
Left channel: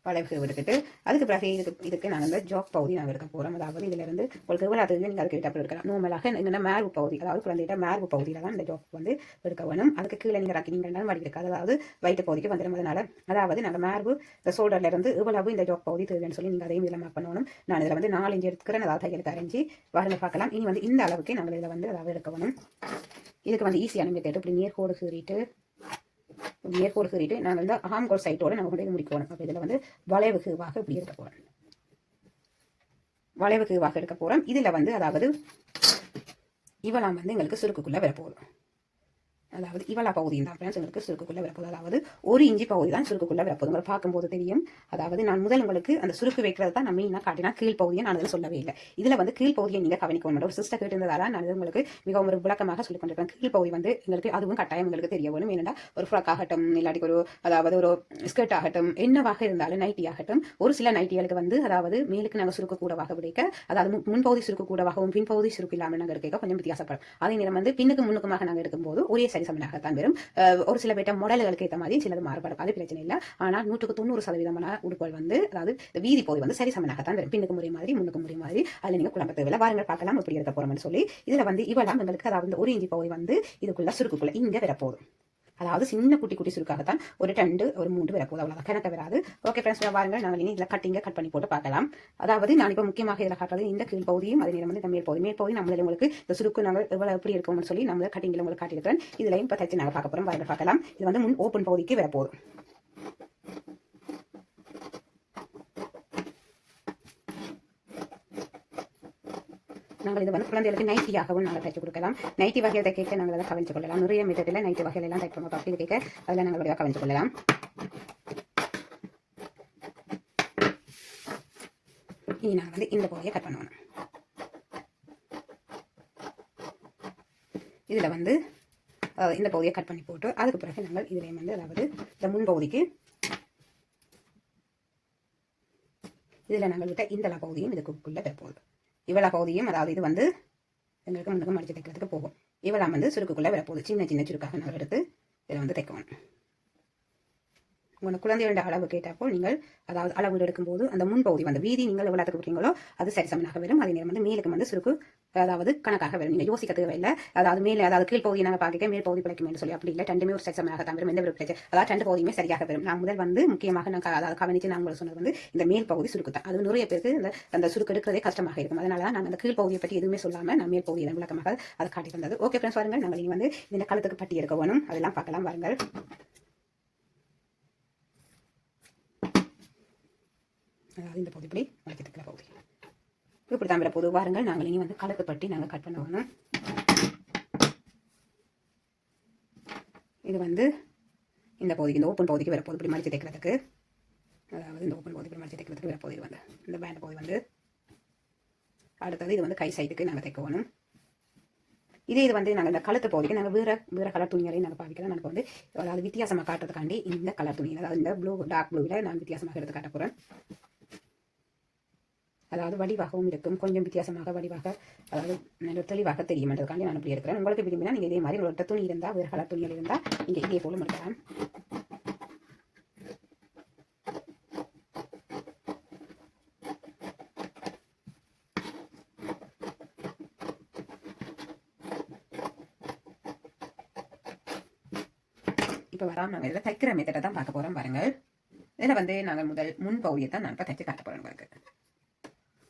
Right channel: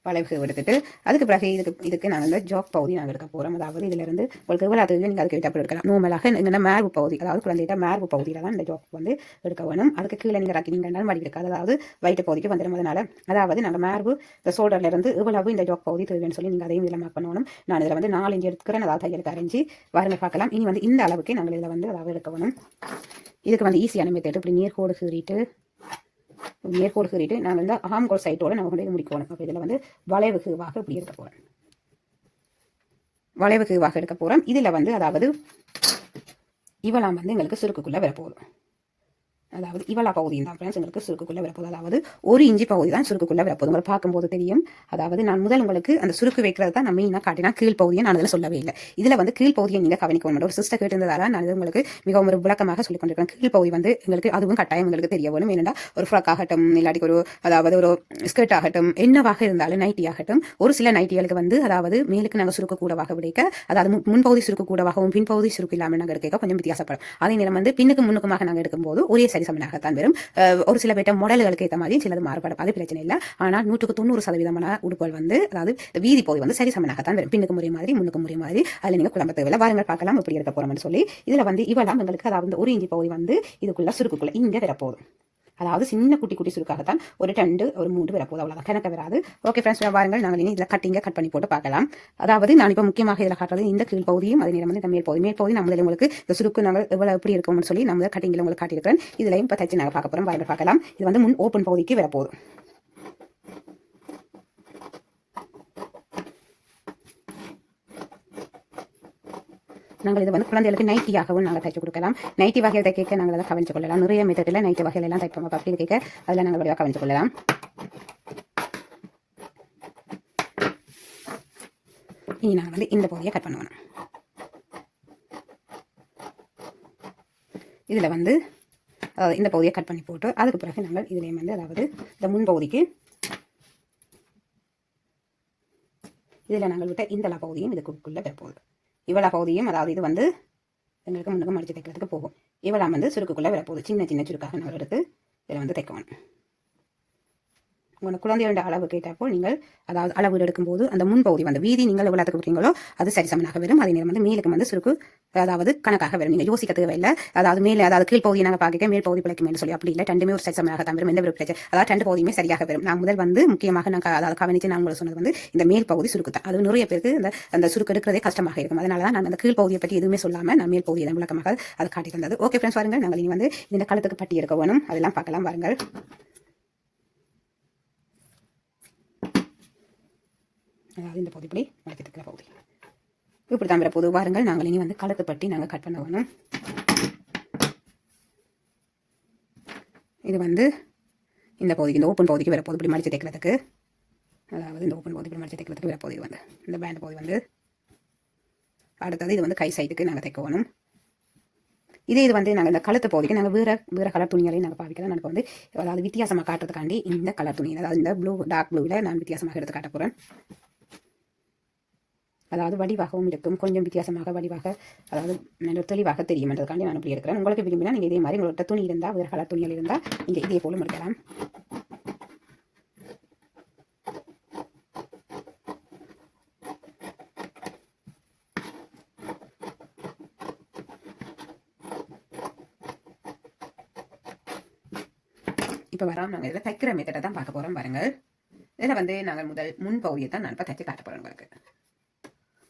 வளைவு எடுத்துட்டு அதுக்கு பிறகு இதுக்கு நாங்கள் இந்த ஜாக் பகுதி நாங்கள் எடுக்க போகிறோம். அதாவது இதிலிருந்து உங்களுக்கு எவ்வளோ தெரிஞ்சு நீங்கள் அதுக்கு விட்டப்போ எடுக்கலாம். நார்மலாக என்னென்ன மேர்பு பகுதி அதாவது குழந்தைகிட்ட மேர்பு பகுதியில் தான் இந்த ஜாக் வந்து எடுக்க வேணும். அதுக்கு கீழே நீங்கள் ராக்கினீங்கன்னாலும் வடி இருக்காது. அதாவது வயிற்று பகுதிக்கு வந்துடும். அதனால் அதாவது நாங்கள் மேர்பு இந்த ஷோல்டர்லேருந்து எவ்வளவு இந்த ஜாக் பகுதி தேவைன்னு சொல்லி நீங்கள் அதையும் இதில் மார்க் பண்ணணும். நான் இதில் வந்து 4 இன்ச்சு எடுத்துக்கிறேன். அதாவது தையலுக்கு 1/2 இன்ச்சு வாருங்க பார்க்கலாம். இனி வந்து இந்த அளவுக்கு நாங்கள் இதில் வந்து அதாவது எடுக்க வேணும். இதுக்கு வந்து ஈஸியான மெத்தட் இப்படி நேர்கோடு கீறிட்டு நாங்கள் வந்து ஆம்கோல் சைட்டோடு நம்ம கொண்டு முடிக்கணும். அப்போ இதில் வந்து வளைவு கீவாக இப்படி எடுக்க போகிறோம். இதில் வந்து அதாவது இவெல்லாம் வந்து எங்களுக்கு சுருக்குக்குள்ளே வரப்போகுது. அதாவது இவ்வளோ பகுதி தான் ஃப்ரெண்ட்ஸ் எங்களுக்கு சுருக்குக்குள்ளே வரப்போகுது. அதாவது 1 இன்ச்சு பகுதி தான் சுருக்குக்குள்ளே வரப்போகுது. உங்களை பார்க்கும்போது தெரியும். அதாவது நான் முதல் உங்களுக்கு அந்த சுருக்கு வைக்கிறது தான் நான் மெயினாக காட்டினா கீழ் பகுதியை நான் அதில் சொல்லவே இல்லை. இதில் வந்து கீழ் பகுதியை நீங்கள் கவனிக்கணும். ஒரு சிஸ்டர் கேட்டிருந்ததால நான் உங்களுக்கு மிகவும் ஒரு விளக்கமாக சொல்லிக் கொண்டிருக்கேன். கீழ் பகுதி வந்து எங்களுக்கு அதுவும் கட்டாயம் எங்களுக்கு தெரிய வேணும். ஏன்னா ஒரு ஃப்ராக் ஆகட்டும் இல்லாட்டி அதாவது ஒரு ஸ்கர்ட் ஆகட்டும் என்னவாக இருந்தாலும் நைட்டி ஆகட்டும் ஒரு சில நைட்டிகளுக்கு வந்து அதாவது மேலுக்கு நாங்கள் சுருக்கு கூடவாக விடைக்க அதாவது முன்பகுதி சுருக்கு கூடவாகவும் பின்பகுதி சுருக்கு இல்லாமல் நாங்கள் எடுக்க கொஞ்சம் வித்தியாசப்படும். அதே நேரம் வந்து பின்னுக்கு முன்னுக்குமாக நாங்கள் எடுக்கும்போது ஒரே சரி சரிசமனாகத்தான் வரும். ஒரு சில பேட்ட மாடல்களுக்கு ஏற்ற மாதிரி சிலது மாறுபடும், அது பிரச்சனை இல்லை. ஆனால் 100% உடுப்புகள் வந்து அதாவது வீதி பகுதி வந்து சரிசமனாகத்தான் வரும். பின்னுக்கு முறை மாதிரி முன்னுக்கு முறை மாதிரி அதில் நீங்கள் குழம்பு தேவையில்லை. வாருங்கள் பார்க்கலாம் எப்படி இருக்க போறோம்னு சொல்லி. இதில் வந்து இவெல்லாம் எங்களுக்கு அதாவது 1 இன்ச்சு பகுதி வந்து இதுக்குள்ள சுருக்குக்குள்ள இங்கே வரப்போதும். அதாவது சின்ன குட்டி குட்டி சுருக்காகத்தான் ஒரு 2 ஒரு 3 வரப்போகுது, அவ்வளோதான், கணக்க வராது. ஓகே ஃப்ரெண்ட்ஸ், வாருங்கள் நாங்கள் இனி இதில் கட் பண்ணி போட்டு பார்க்கலாம். அதாவது நான் இப்போ முக்கியமாக இதில் காட்டுறது இந்த கீழ் பகுதியும் அதே நேரம் வந்து இந்த மேல் பகுதி நம்ம உங்களுக்கு இந்த சுருக்கு நாங்கள் எவ்வளோ எப்படி இருக்கும்னு சொல்லி நம்ம கட்டிங்கில் உங்களுக்கு காட்டியிருக்கிறேன். இதுலையும் இப்போ தச்சு நாங்கள் பார்க்க போகிறோம், வாருங்கள் பார்க்கலாம். இது வந்து முன் ஓப்பன் பகுதிக்கு வரப்போகுது. நாங்கள் இது வந்து குழந்தைகளுக்கு நைட்டியாகவும் நாங்கள் தைச்சு கொடுக்கலாம். நைட்டி வகையில் தைக்க நாங்கள் அதை கவனிச்சு கொள்ளலாம். நிறைய மெத்தடில் நைட்டி வகையில் எல்லாம் தைப்போம். அப்படின்னு கேட்க அதில் நாங்கள் வழியாக கவனிச்சு கொள்ளலாம். இனி நாங்கள் வந்து இந்த பகுதியை கட் பண்ணுவோம். இதில் வந்து அதாவது இந்த பகுதியை கட் பண்ணி போட்டு அதுக்கு பிறகு நாங்கள் இதுலேயும் வந்து அதாவது இந்த முன் பகுதிக்கு இதில் நாங்கள் விட்ட இந்த பகுதியும் இதுக்குள்ளே வரப்போகுது. இவ்வளோ பகுதியும் அதாவது இது வந்து எங்களுக்கு முன்னுக்கு மடித்து தைக்கிறதுக்கு போகும். இவ்வளோ வந்து சுருக்குக்குள்ளே வரப்போகுது. சின்ன சின்ன சுருக்காக நாங்கள் எடுத்து இதில் வந்து தைக்கணும். உங்களோட குழந்தையோட அளவு கேட்டாப்போ நீங்கள் அதாவது அளவு எடுக்கும்போது அந்த முன்பகுதி வந்து வீதி நீங்கள் எவ்வளோத்துக்கு கொடுக்குறீங்களோ அது சரிசமனாக வரும். அதே நேரம் வந்து மேலுக்கு வந்து சுருக்கு அதாவது கணக்காக வரும். நீங்கள் யோசிக்க தேவையில்லை. அதாவது மேலே அதாவது கீழ்ப்பகுதியை நாங்கள் பார்க்க மேல் பகுதி பிழைக்கு மேலே சொல்லி அப்படி இல்லை, ரெண்டுமே ஒரு சரிசமனாக தான் வரும். எந்த ஒரு பிரச்சனை அதாவது 2 பகுதியுமே சரியாக வரும். நான் முதல் வந்து முக்கியமாக நான் அதாவது கவனித்து நான் உங்களுக்கு சொன்னது வந்து இந்த மேல் பகுதி சுருக்கு தான். அது நிறைய பேருக்கு அந்த சுருக்கு எடுக்கிறதே கஷ்டமாக இருக்கும். அதனால தான் நான் அந்த கீழ்ப்பகுதியை பற்றி எதுவுமே சொல்லாமல் நான் மேல் பகுதியை விளக்கமாக அது காட்டி தந்தது. ஓகே ஃப்ரெண்ட்ஸ், வாருங்கள் நாங்கள் இனி வந்து இந்த கழுத்துக்கு பட்டி எடுக்க வேணும், அதெல்லாம் பார்க்கலாம். வாருங்கள். அதாவது இந்த பகுதி இப்படி மடிக்கிறதுக்குற பகுதி இப்படி தான் வரப்போகுது. வாருங்கள் நாங்கள் இனி வந்து கழுத்து பட்டி நாங்கள் கட் பண்ண வேணும். இது வந்து இந்த பகுதிக்கு இந்த ஓப்பன் பகுதிக்கு வரப்போகுது இப்படி மடித்து தைக்கிறதுக்கு. அதாவது இந்த ஓப்பன் பகுதி இப்படி மடித்து தைக்கிறதுக்கு வரப்போகுது. வந்து இந்த பேண்ட் பகுதி வந்து அடுத்தது இது வந்து கை சைடுக்கு நாங்கள் தைக்க வேணும். இது வந்து நாங்கள் இந்த கழுத்து பகுதிக்கு நாங்கள் வேறு கலர் துணிகளையும் நாங்கள் பாவிக்கிறோம். எனக்கு வந்து அதாவது வித்தியாசமாக காட்டுறதுக்காண்டி இந்த கலர் துணி அதாவது இந்த டார்க் ப்ளூவில் நான் வித்தியாசமாக எடுத்து காட்ட போகிறேன். அதாவது வடிவாகவும் இருக்கும், கொஞ்சம் வித்தியாசமாக வடிவாக அதாவது நல்ல தெளிவாக தெரியும்ன்றதுக்காண்டி நான் இப்படி எடுக்கிறேன். உங்களுக்கு விரும்பினா நீங்கள் இதே மாதிரி உங்களோட துணி இருந்தால் வேறு கலர் துணிகள் இருந்தால் நீங்கள் இதே போல முடிக்கலாம். இப்போ வராமல் நாங்கள் இதில் தைக்கிற மெத்தடை தான் பார்க்க போகிறோம். பாருங்கள், இதில் வந்து நாங்கள் முதல் முன் பகுதியை தான் நான் இப்போ தைச்சு காட்ட போகிறோம். உங்களுக்கு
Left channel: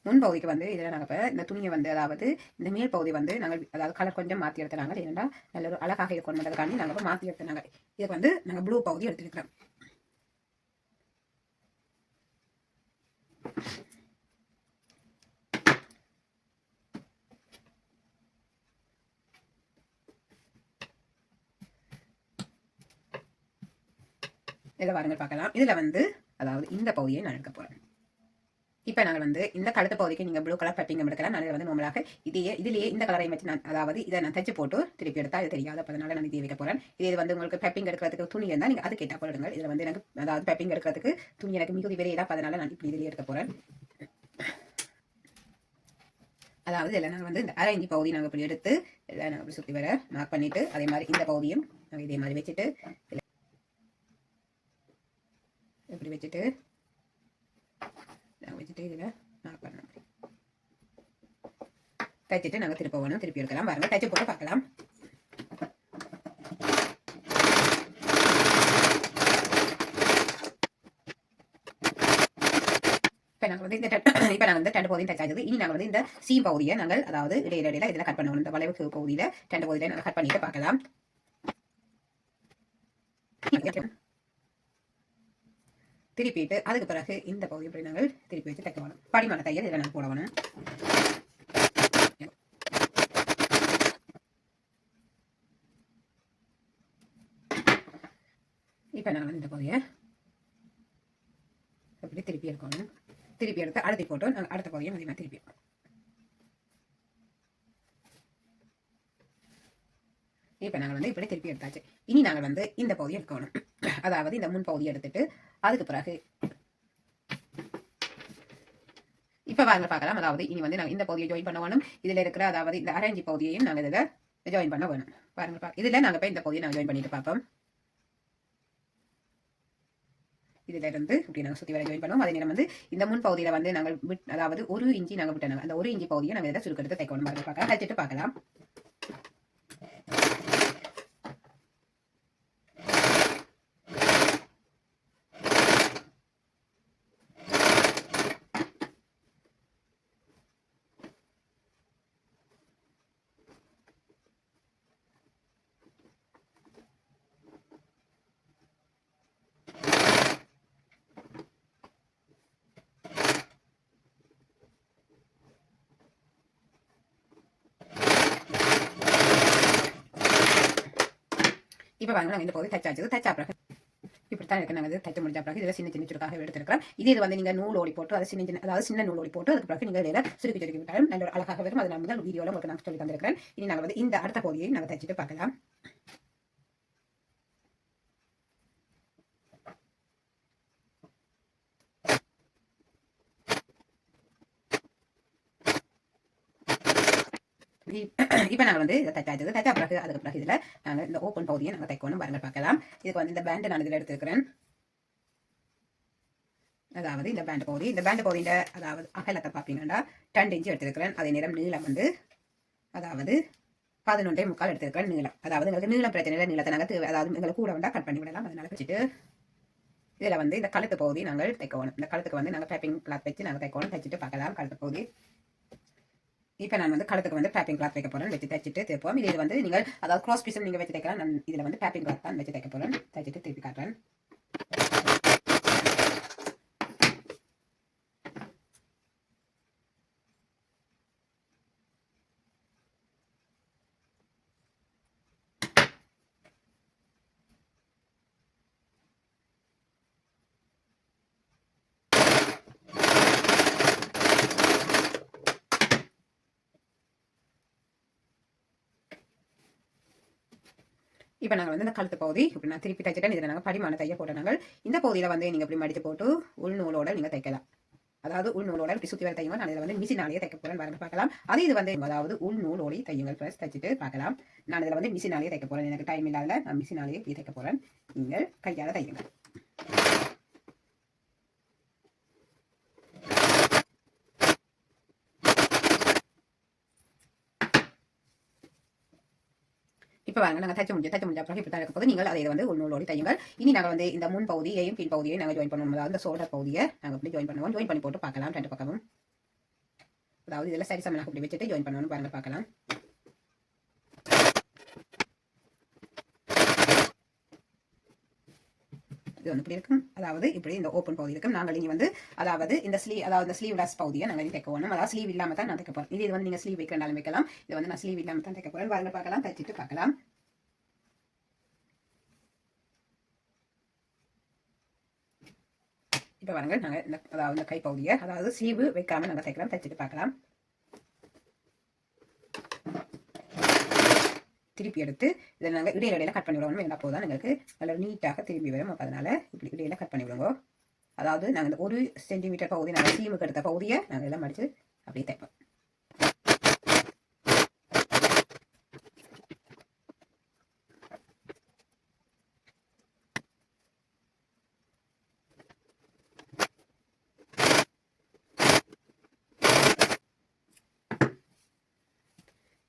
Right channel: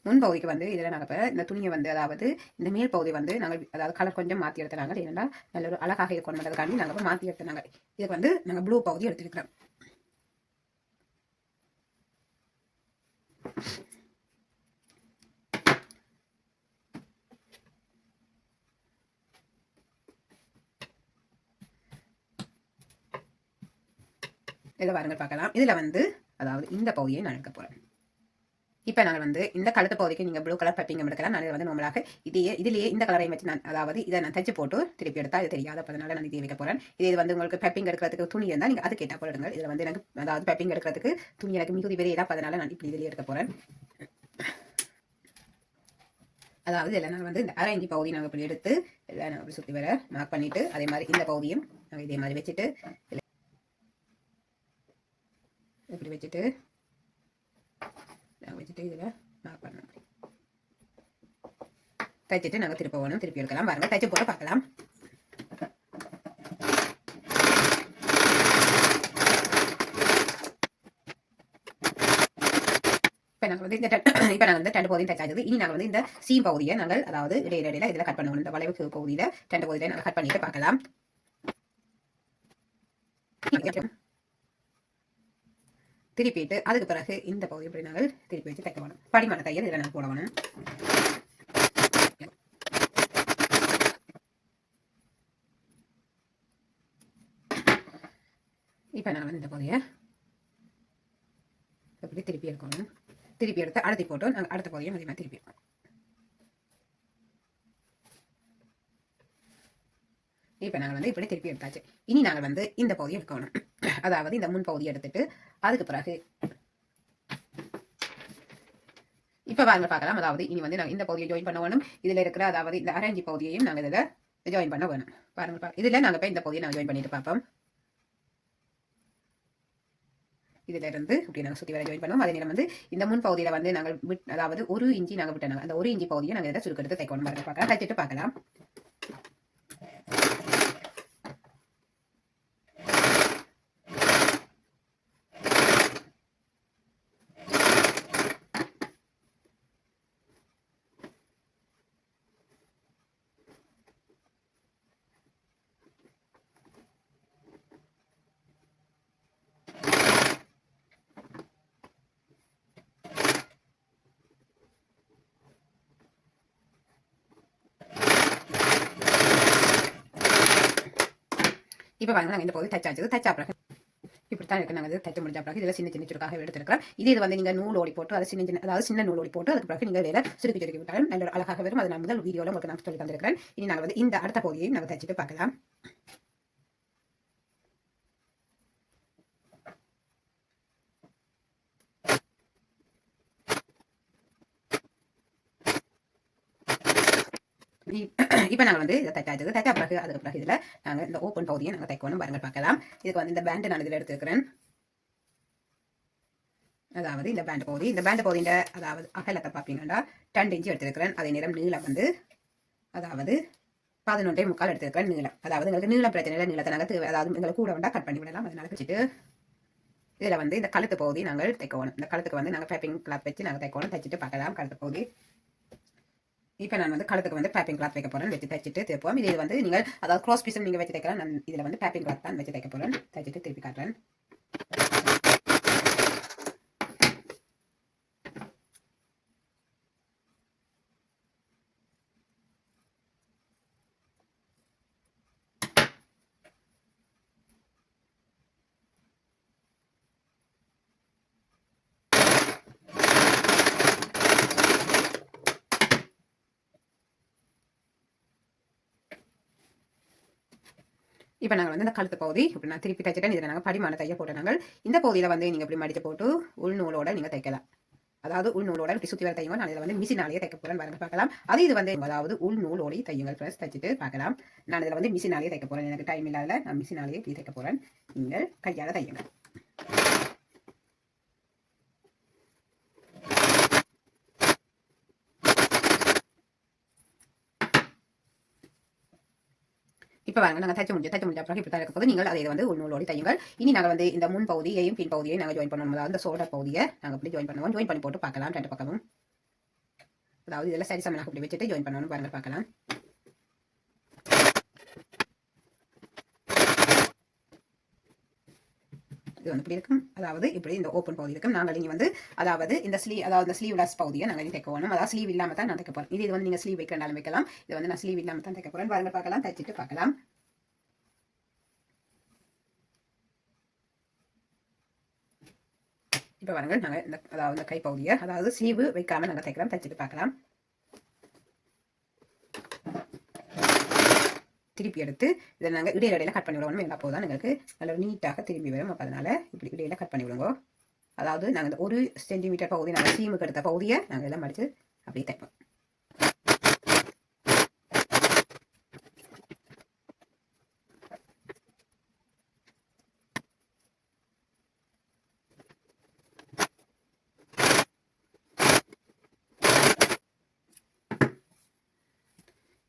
முன் பகுதிக்கு வந்து இதில் நாங்கள் இப்போ இந்த துணியை வந்து அதாவது இந்த மேல் பகுதி வந்து நாங்கள் அதாவது கலர் கொஞ்சம் மாற்றி எடுத்துனாங்க. ஏன்னா நல்ல ஒரு அழகாக இருக்கணுன்றதுக்காண்டி நாங்கள் இப்போ மாற்றி எடுத்துனாங்க. இதுக்கு வந்து நாங்கள் ப்ளூ பகுதி எடுத்துருக்கிறோம். இதில் வாருங்கள் பார்க்கலாம். இதில் வந்து அதாவது இந்த பகுதியை நான் எடுக்க போகிறேன். இப்போ நாங்கள் வந்து இந்த கழுத்து பகுதிக்கு நீங்கள் ப்ளூ கலர் பட்டிங்க எடுக்கலாம். நான் வந்து நம்மளாக இதுலேயே இந்த கலரையும் வச்சு நான் அதாவது இதை நான் தைச்சு போட்டு திருப்பி எடுத்தால் இது தெரியாது. அதனால நான் இதை வைக்க போகிறேன். இது வந்து உங்களுக்கு பெப்பிங் எடுக்கிறதுக்கு துணி இருந்தால் நீங்கள் அது கேட்டால் போடுங்க. இதில் வந்து எனக்கு அதாவது பெப்பிங் எடுக்கிறதுக்கு துணி எனக்கு மிகுதி வெளியே அதனால நான் இப்படி இதிலேயே எடுக்க போகிறேன். அதாவது இதில் நாங்கள் வந்து இந்த 1/2 இன்ச் பகுதி நாங்கள் இப்படி எடுத்து இதில் நாங்கள் அப்படி சுற்றி வர மார்க் பண்ணிவிட்டு அதே மாதிரி இந்த பகுதியும் நாங்கள் இதே மாதிரி வச்சுட்டு இப்படி வச்சுட்டு இதில் மார்க் பண்ணணும். தைச்சிட்டு நாங்கள் திருப்ப வேணும், திருப்பி எடுக்கலாம். பாருங்கள், தைச்சு போட்டு பார்க்கலாம். இப்போ நாங்கள் வந்து இந்த 2 பகுதியும் தைச்சாச்சு. இனி நாங்கள் வந்து இந்த சீம் பகுதியை நாங்கள் அதாவது இடையில இதில் கட் பண்ணுவோம். இந்த வளைவு பகுதியில் 2 பகுதியில் நாங்கள் கட் பண்ணிட்டு பார்க்கலாம். திருப்பிட்டு அதுக்கு பிறகு இந்த பகுதி இப்படி நாங்கள் திருப்பி வச்சு தைக்க வேணும். படிமான தையல் இதில் நாங்கள் போட வேணும். இப்போ நாங்கள் இந்த பகுதியை இப்படி திருப்பி எடுக்கணும். திருப்பி எடுத்து அழுத்தி போட்டு நாங்கள் அடுத்த பகுதியை அதிகமாக திருப்பி எடுக்கணும். இப்போ நாங்கள் வந்து இப்படி திருப்பி எடுத்தாச்சு. இனி நாங்கள் வந்து இந்த பகுதியை எடுக்கணும். அதாவது இந்த முன் பகுதியை எடுத்துட்டு அதுக்கு பிறகு இப்போ வாங்க பார்க்கலாம். அதாவது இனி வந்து நாங்கள் இந்த பகுதியை ஜாயின் பண்ண வேணும். இதில் இருக்கிற அதாவது இந்த 1/2 இன்ச் பகுதியையும் நாங்கள் இதில் ஜாயின் பண்ண வேணும். பாருங்க இதுல நாங்க இப்ப இந்த பகுதியை நாங்க ஜாயின் பண்ணிட்டு பார்ப்போம். இதுல இருந்து இப்படி நாங்கள் சுற்றி வர ஜாயின் பண்ணுவோம். அதே நேரம் வந்து இந்த முன் பகுதியில் வந்து நாங்கள் அதாவது 1 இன்ச்சு நாங்கள் விட்டோம். அந்த 1 இன்ச்சு பகுதியை நாங்கள் இதை சுருக்கெடுத்து தைக்கணும். பார்க்கலாம், தைச்சிட்டு பார்க்கலாம். இப்போ பாருங்க நாங்கள் இந்த பகுதி தைச்சாச்சு. தைச்சா பிறகு இப்படித்தான் இருக்கு. நாங்கள் தைச்சு முடிஞ்ச பிறகு இதில் சின்ன சின்ன சுருக்காக எடுத்துருக்கிறோம். இது வந்து நீங்கள் நூல் ஓடி போட்டு அதை அதாவது சின்ன நூல் ஓடி போட்டு அதுக்கு பிறகு நீங்கள் இதில் சுருக்கி விட்டாலும் நல்ல அழகாக வரும். அது நான் முதல் வீடியோவில் உங்களுக்கு நான் சொல்லி தந்திருக்கிறேன். இனி நாங்கள் வந்து இந்த அடுத்த பகுதியை நாங்கள் தைச்சிட்டு பார்க்கலாம். இப்போ நாங்கள் வந்து இதை தைச்சாச்சு. தைச்சா பிறகு அதுக்கு பிறகு இதில் நாங்கள் இந்த ஓப்பன் பகுதியை நாங்கள் தைக்கணும். பாருங்கள் பார்க்கலாம். இதுக்கு வந்து இந்த பேண்டு நான் இதில் எடுத்துருக்கிறேன். அதாவது இந்த பேண்ட் பகுதி, இந்த பேண்ட் பகுதியின் அதாவது அகலத்தை பார்த்தீங்கன்னா 2 இன்ச்சு எடுத்துருக்கிறேன். அதே நேரம் நீளம் வந்து அதாவது 11.75 எடுத்துருக்கிறேன் நீளம். அதாவது எங்களுக்கு நீளம் பிரச்சனை இல்லை. நீளத்தை நாங்கள் அதாவது எங்களுக்கு கூட வந்தால் கட் பண்ணி விடலாம். அதனால வச்சுட்டு இதில் வந்து இந்த கழுத்து பகுதி நாங்கள் தைக்கணும். இந்த கழுத்துக்கு வந்து நாங்கள் பேப்பிங் கிளாத் வச்சு நாங்கள் தைக்கணும். தைச்சிட்டு பார்க்கலாம் கழுத்து பகுதி. இப்போ நான் வந்து கழுத்துக்கு வந்து பேப்பிங் கிளாத் வைக்க போகிறேன். வச்சு தைச்சிட்டு தைப்போம். இது வந்து நீங்கள் அதாவது க்ராஸ் பீஸும் நீங்கள் வச்சு தைக்கலாம். நான் இதில் வந்து பேப்பிங் கிளாத் தான் வச்சு தைக்க போகிறேன். தைச்சிட்டு திருப்பி காட்டுறேன். இப்போ நாங்கள் வந்து இந்த கழுத்து பகுதி இப்படி நான் திருப்பி தைச்சிட்டேன். இதில் நாங்கள் படிமான தைய போட்டோம். நாங்கள் இந்த பகுதியில் வந்து நீங்கள் இப்படி மடித்து போட்டு உள்நூலோட நீங்கள் தைக்கலாம். அதாவது உள்நூலோட இப்படி சுற்றி வர தையுங்க. நான் இதில் வந்து மிஷினாலேயே தைக்க போகிறேன். வரணும் பார்க்கலாம். அது இது வந்து அதாவது உள்நூலோடி தையுங்கள். ப்ளஸ் தைச்சிட்டு பார்க்கலாம். நான் இதில் வந்து மிஷினாலேயே தைக்க போகிறேன். எனக்கு டைம் இல்லாத நான் மிஷினாலேயே இப்படி தைக்க போகிறேன். நீங்கள் கையால் தையுங்கள். இப்போ வாங்க நாங்கள் தைச்சு முடிஞ்ச பிறகு இப்படி இருக்க போது நீங்கள் அதை வந்து உள்நூலோடி தையுங்கள். இனி நாங்கள் வந்து இந்த முன் பகுதியையும் பின் பகுதியை நாங்கள் ஜாயின் பண்ணுவோம். அதாவது இந்த சோல்டர் பகுதியை நாங்கள் இப்படி ஜாயின் பண்ணுவோம். ஜாயின் பண்ணி போட்டு பார்க்கலாம். 2 பக்கமும் அதாவது இதெல்லாம் சரி சமனாக இப்படி வச்சுட்டு ஜாயின் பண்ணணும். பாருங்க பார்க்கலாம். இது வந்து இப்படி இருக்கும். அதாவது இப்படி இந்த ஓப்பன் பகுதி இருக்கும். நாங்கள் இங்கே வந்து அதாவது இந்த ஸ்லீவ்லெஸ் பகுதியை நாங்கள் தைக்க போகணும். அதாவது ஸ்லீவ் இல்லாமல் தான் நான் தைக்க போகிறேன். இது வந்து நீங்கள் ஸ்லீவ் வைக்கிறனாலும் வைக்கலாம். இது வந்து நான் ஸ்லீவ் இல்லாமல் தான் தைக்க போகிறேன். பாருங்க பார்க்கலாம். தைச்சிட்டு பார்க்கலாம். இப்போ பாருங்கள் நாங்கள் இந்த அதாவது இந்த கை பகுதியை அதாவது ஸ்லீவ் வைக்காமல் நாங்கள் தைக்கலாம். தைச்சிட்டு பார்க்கலாம். திருப்பி எடுத்து இதை நாங்கள் இடையில கட் பண்ணி விடுவோம். எங்கள் அப்போ தான் எங்களுக்கு நல்லா நீட்டாக திரும்பி வரும். அப்போ அதனால் இப்படி இடையில கட் பண்ணி விடுவோம். அதாவது நாங்கள் இந்த 1 சென்டிமீட்டர் பகுதி நாங்கள் சீமுக்கு எடுத்த பகுதியை நாங்கள் எல்லாம் மடித்து அப்படியே தைப்போம்.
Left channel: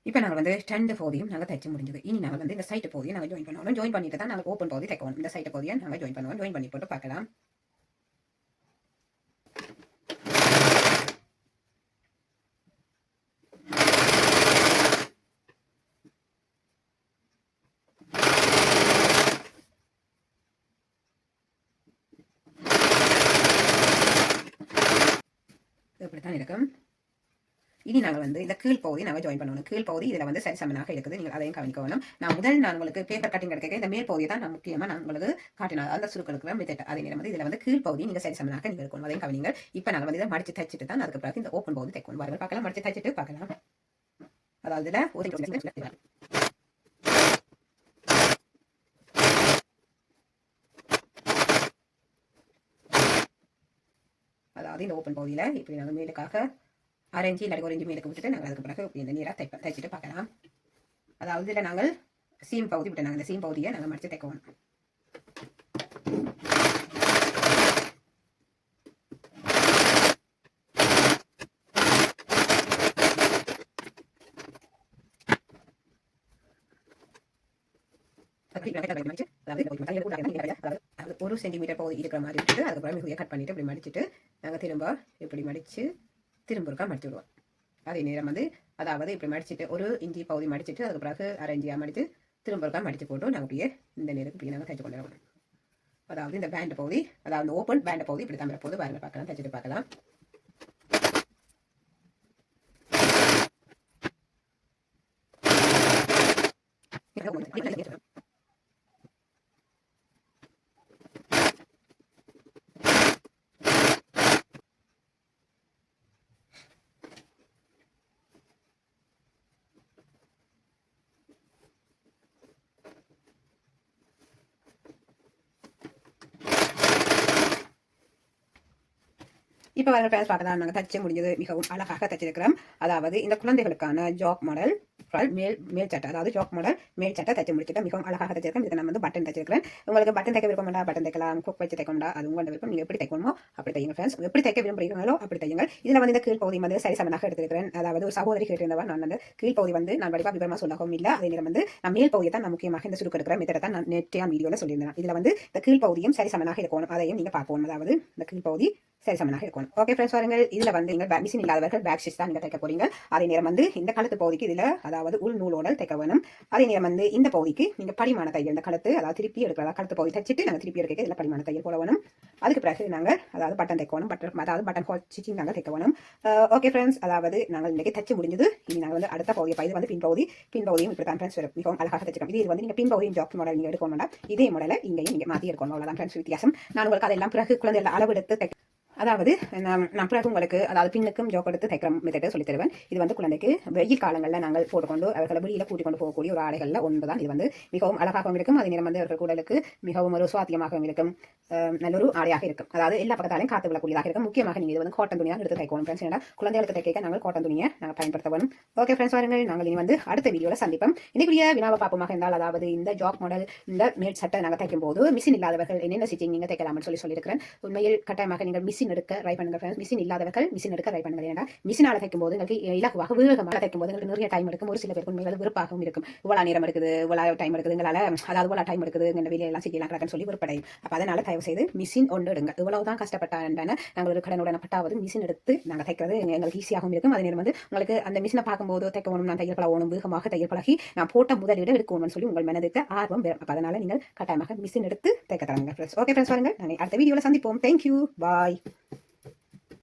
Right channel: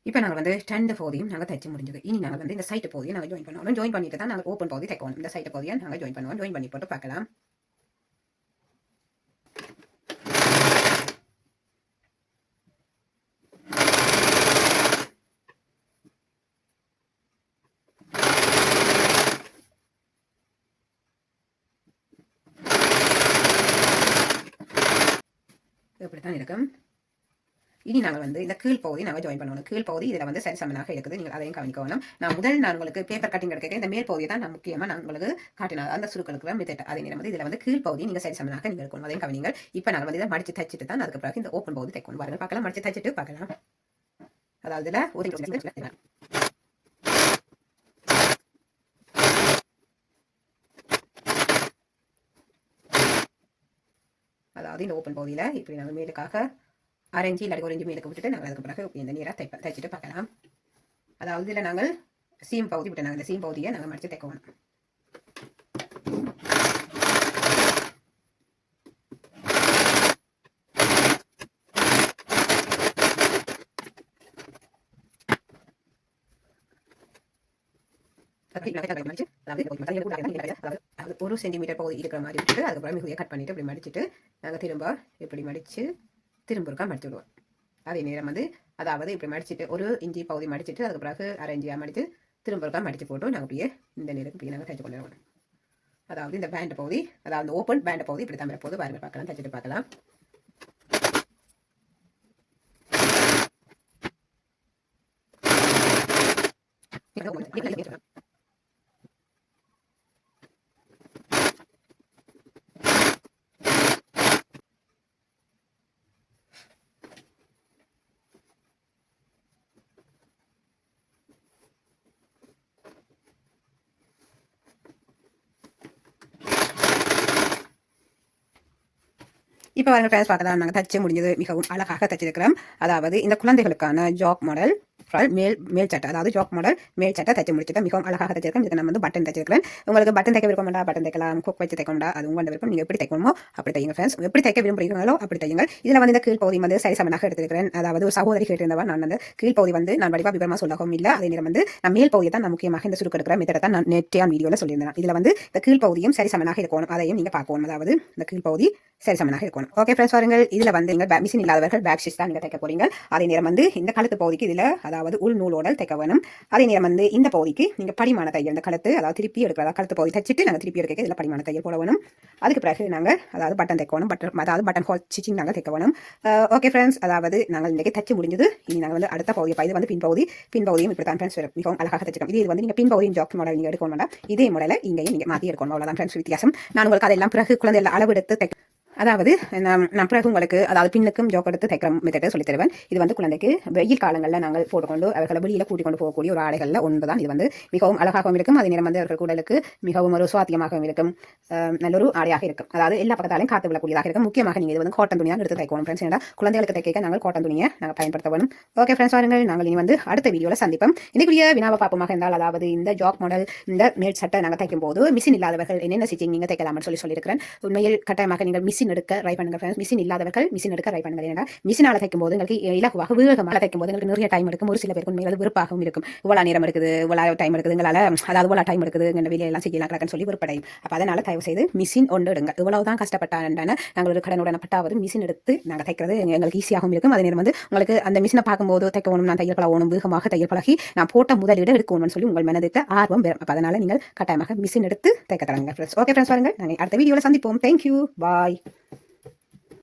இப்போ நாங்கள் வந்து 2 பகுதியும் நாங்கள் தைச்சு முடிஞ்சது. இனி நாங்கள் வந்து இந்த சைட்டு பகுதியை நாங்கள் ஜாயின் பண்ணுவோம். ஜாயின் பண்ணிட்டு தான் நாங்கள் ஓப்பன் பகுதி தைக்கணும். இந்த சைட்டு பகுதியை நாங்கள் ஜாயின் பண்ணுவோம். ஜாயின் பண்ணி போட்டு பார்க்கலாம். இப்படித்தான் இருக்கும். இனி நாங்கள் வந்து இந்த கீழ் பகுதி நாங்கள் ஜாயின் பண்ணணும். கீழ் பகுதி இதில் வந்து சரி சமனாக இருக்குது. நீங்கள் அதையும் கவனிக்கணும். நான் உங்களுக்கு பேப்பர் கட்டிங் எடுக்க இந்த மேல் பகுதியை தான் நான் முக்கியமாக நான் உங்களுக்கு காட்டினேன். அந்த சுருக்களுக்கு மெத்தட் அதே நேரம் வந்து இதில் வந்து கீழ் பகுதி நீங்கள் சரி சமனாக நீங்கள் இருக்கணும். அதையும் கவனிங்கள். இப்போ நாங்கள் வந்து இதை மடித்து தைச்சிட்டு தான் அதுக்கு பிறகு இந்த ஓப்பன் பகுதி தைக்கணும். பாருங்கள் பார்க்கலாம். மடித்து தைச்சிட்டு பார்க்கலாம். அதாவது இதில் ஒரு அதாவது இந்த ஓப்பன் பகுதியில் இப்படி நாங்கள் மேலுக்காக 6 இன்ச்சு இல்லாட்டி 1 இன்ச்சு மேலுக்கு விட்டுட்டு நாங்கள் அதுக்கு பிறகு இந்த நீராக தைச்சிட்டு பார்க்கலாம். அதாவது இதில் நாங்கள் சீம் பகுதி விட்டு நாங்கள் இந்த சீம் பகுதியை நாங்கள் மடித்து தைக்கணும். ஒரு சென்டிமீட்டர் பகுதி இருக்கிற மாதிரி விட்டு அதுக்கப்புறம் மிகுதியை கட் பண்ணிட்டு இப்படி மடிச்சுட்டு நாங்கள் திரும்ப இப்படி மடித்து திரும்ப இருக்கா மடித்து விடுவோம். அதே நேரம் வந்து அதாவது இப்படி மடிச்சுட்டு ஒரு இஞ்சி பகுதி மடிச்சுட்டு அதுக்கு பிறகு அரை இஞ்சியாக மடித்து திரும்ப இருக்கா மடித்து போட்டு நாங்கள் அப்படியே இந்த நேரத்துக்கு இப்படி நாங்கள் தைச்சு கொண்டு வரணும். அதாவது இந்த பேண்ட் பகுதி அதாவது ஓப்பன் பேண்ட் பகுதி இப்படி தான் போது பாருங்க, பார்க்கலாம், தைச்சிட்டு பார்க்கலாம். இப்போ வந்து ஃப்ரெண்ட்ஸ் பார்க்கலாம், நாங்கள் தச்சு முடிஞ்சது மிகவும் அழகாக தச்சிருக்கிறோம். அதாவது இந்த குழந்தைகளுக்கான ஜாப் மாடல் மேல் சட்டை, அதாவது ஜாப் மாடல் மேல் சட்டை தச்சு முடிச்சுட்டு மிகவும் அழகாக தச்சிருக்கேன். இதுக்கு நம்ம வந்து பட்டன் தச்சிருக்கிறேன். உங்களுக்கு பட்டன் தைக்க விருப்பம் வேண்டாம், பட்டன் தைக்கலாம், குக் வச்சு தைக்கணும்டா, அது உங்களோட விருப்பம். நீங்கள் எப்படி தைக்கணுமோ அப்படி தைங்க ஃப்ரெண்ட்ஸ். எப்படி தைக்க விரும்புகிறீங்களோ அப்படி தைங்க. இதில் வந்து இந்த கீழ் பகுதி வந்து சரிசமனாக எடுத்திருக்கிறேன். அதாவது ஒரு சகோதரி கேட்டிருந்தவா, நான் அந்த கீழ் பகுதி வந்து நான் வடிவா விவரமாக சொல்லவும் இல்லை. அதே நேரம் வந்து நான் மேல் பகுதியை தான் நான் முக்கியமாக இந்த சுருக்கு எடுக்கிற மெத்தடை தான் நான் நேற்றைய வீடியோவில் சொல்லியிருந்தேன். இதில் வந்து இந்த கீழ் பகுதியும் சரிசமனாக இருக்கணும், அதையும் நீங்கள் பார்க்கணும். அதாவது இந்த கீழ் பகுதி சரிசமனாக இருக்கணும். ஓகே ஃப்ரெண்ட்ஸ், பாருங்கள், இதில் வந்து நீங்கள் மிஷின் இல்லாதவர்கள் பேக் ஸ்டிச் தான் நீங்கள் தைக்க போறீங்க. அதே நேரம் வந்து இந்த கழுத்து பகுதிக்கு இதில் அதாவது உள் நூலோட தைக்க வேணும். அதே நேரம் வந்து இந்த பகுதிக்கு நீங்கள் படிமான தையல், இந்த கழுத்து அதாவது திருப்பி எடுக்கிறதா கழுத்து பகுதி தைச்சிட்டு நாங்கள் திருப்பி எடுக்க இதில் படிமான தையல் போட வேணும். அதுக்கு பிறகு நாங்கள் அதாவது பட்டன் தைக்கணும், அதாவது பட்டன் ஹோல் ஸ்டிச்சிங் நாங்கள் தைக்க வேணும். ஓகே ஃப்ரெண்ட்ஸ், அதாவது நாங்கள் இன்றைக்கி தைச்சு முடிஞ்சது. இனி நாங்கள் வந்து அடுத்த பகுதி இது வந்து பின்பகுதியும் இப்படி தான் ஃப்ரெண்ட்ஸ் மிகவும் அழகாக தைச்சிருக்கோம். இது வந்து நீங்கள் பின்பகுதியும் ஜாக் மாடல் நீங்கள் எடுக்கணும் வேண்டாம், இதே மாடலை இங்கேயும் நீங்கள் மாற்றி எடுக்கணும். அவ்வளோதான் ஃப்ரெண்ட்ஸ் வித்தியாசம். நான் உங்களுக்கு அதெல்லாம் பிறகு குழந்தைகள் அளவெடுத்து தைக்க, அதாவது நான் பிறகு உங்களுக்கு அதாவது பின்னுக்கும் ஜோக் எடுத்து தைக்கிற மெத்தடை சொல்லி தருவேன். இது வந்து குழந்தைக்கு வெயில் காலங்களில் நாங்கள் போட்டுக்கொண்டு அவர்களை வெளியில் கூட்டிக் கொண்டு போகக்கூடிய ஒரு ஆடைகளில் ஒன்று தான். இது வந்து மிகவும் அழகாகவும் இருக்கும், அதே நேரம் வந்து அவர்கள் உடலுக்கு மிகவும் ஒரு சுவாத்தியமாகவும் இருக்கும், நல்லொரு ஆடையாக இருக்கும். அதாவது எல்லா பக்கத்தாலையும் காத்து விடக்கூடியதாக இருக்கும். முக்கியமாக நீங்கள் இது வந்து காட்டன் துணியாக எடுத்து தைக்கணும் ஃப்ரெண்ட்ஸ். ஏன்னா குழந்தைகளுக்கு தைக்க நாங்கள் காட்டன் துணியை நாங்கள் பயன்படுத்த வேணும். ஓகே ஃப்ரெண்ட்ஸ், வாருங்கள், நாங்கள் இனி வந்து அடுத்த வீடியோவில் சந்திப்போம். இன்னைக்குரிய வினாவை பார்ப்போமாக இருந்தால், அதாவது இந்த ஜாக் மாடல் இந்த மேல் சட்டை நாங்கள் தைக்கும் போது மிஷின் இல்லாதவர்கள் என்னென்ன ஸ்டிச்சிங் நீங்கள் தைக்கலாம்னு சொல்லியிருக்கிறேன். உண்மையில் கட்டாயமாக நீங்கள் மிஷின் எடுக்க ட்ரை பண்ணுங்க. மிஷின் இல்லாதவர்கள் மிஷின் எடுக்க ட்ரை பண்ணுங்க. ஏன்னா மிஷினால தைக்கும் போது உங்களுக்கு இலகுவாக வேகமாக தைக்கும் போது உங்களுக்கு நிறைய டைம் எடுக்கும். ஒரு சில பேருக்கு உண்மையில விருப்பாகவும் இருக்கும். இவ்வளோ நேரம் இருக்குது, இவ்வளோ டைம் இருக்குது, எங்களால் அதாவது இவ்வளோ டைம் இருக்குது, எங்கள் வெளியெல்லாம் செய்யலாம் கிடக்குன்னு சொல்லி விருப்படையும். அப்போ அதனால தயவு செய்து மிஷின் ஒன்று எடுங்க. இவ்வளவுதான் கஷ்டப்பட்டான நாங்கள் ஒரு கடனுடன் பட்டாவது மிஷின் எடுத்து நாங்கள் தைக்கிறது எங்களுக்கு ஈஸியாகவும் இருக்கும். அதே நேரம் வந்து உங்களுக்கு அந்த மிஷினை பார்க்கும்போது தைக்கணும், நான் தையல் பழகணும், வேகமாக தையல் பழகி நான் போட்ட முதலீடு எடுக்கணும்னு சொல்லி உங்கள் மனதிற்கு ஆர்வம் வரும். அப்போ அதனால நீங்கள் கட்டாயமாக மிஷின் எடுத்து தைக்க தொடங்குங்க. ஓகே ஃப்ரெண்ட்ஸ், பாருங்கள், நாங்கள் அடுத்த வீடியோவில் சந்திப்போம். தேங்க்யூ, பாய்.